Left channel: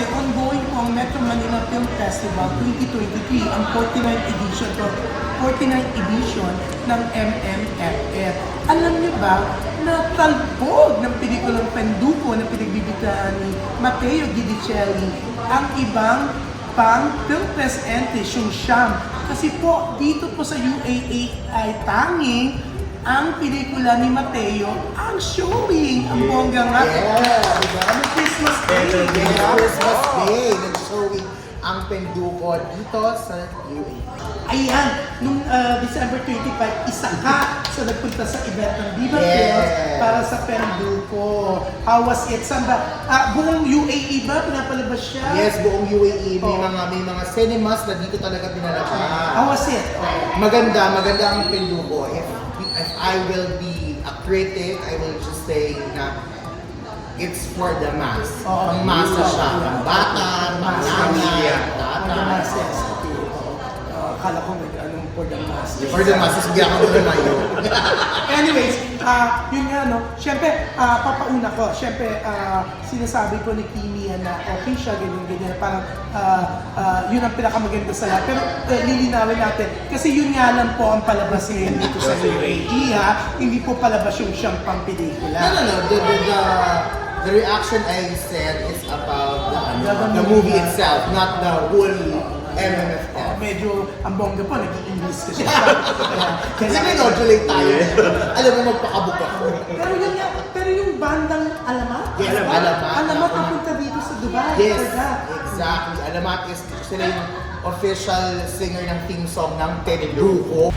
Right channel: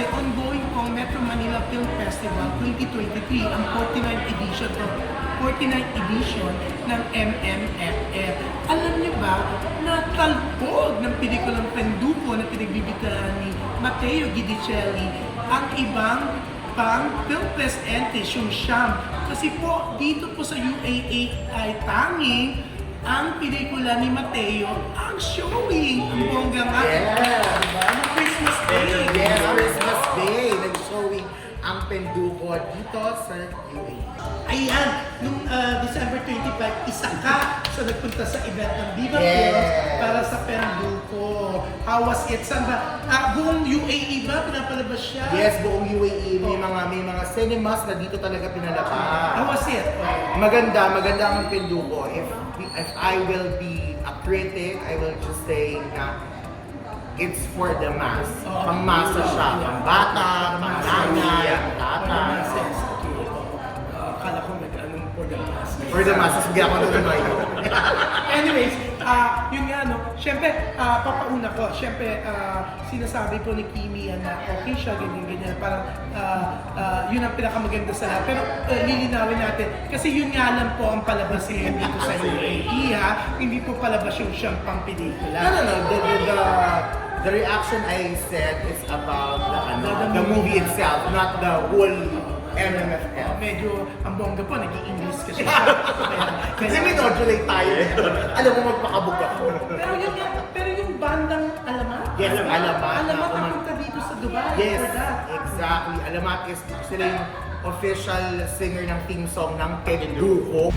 kasi ongoing po ang Metro Manila Film Festival 2023, ang 49th edition ng MMFF. Alam niyo ba na talbog ng pelikulang Penduko na pinagbibiglaan ni Matteo Guidicelli ang ibang pang film presente, Siyam. Kasi po, dito po sa UAA ay tanging ang pelikula ni Matteo ang showing. Ang bongga nga. Yeah. Ano Christmas Day? Yes, Christmas Day. Nag-showing ang Penduko dito sa UAE. Ayan, nung December 25, isa ka sa nagpunta sa event ng Viva Films para sa Penduko. How was it? Saan ba? Buong UAE ba? Pinapalabas siya? Yes, buong UAE. May mga cinemas na dito talaga pinalabas. How was it? Maganda ang Penduko. If I will be a critic, I will just say na it's for the mass. Pang-masa siya. Pang-bata, pang-nanay, tata. Akala ko nag-anong for the masses. For the masses, bigyan ko doon na yun. Anyways, yun nga no, syempre, papauna ko, syempre, sinasabi ko ni Kimi na okay siya, ganyan, parang yun ang pinakamaganda sa lahat. Pero lilinawin natin, kasi yun nga lang po ang palabas ngayon dito sa UAE, hindi po palabas yung siyang pang pelikula. No. The reaction I said is about the movie itself, not the whole MMFF. Medyo ang bongga po, nag-i-English kasi siya. Kasi minodulate tayo. Alam mo, magpakabog ako. Pero yun nga, pero yung bandang Alamat? Yes, Alamat. Alamat napunta dito sa Dubai. Yes, for that. exactly. Alamat is sila yung official singer ng theme song ng Penduko.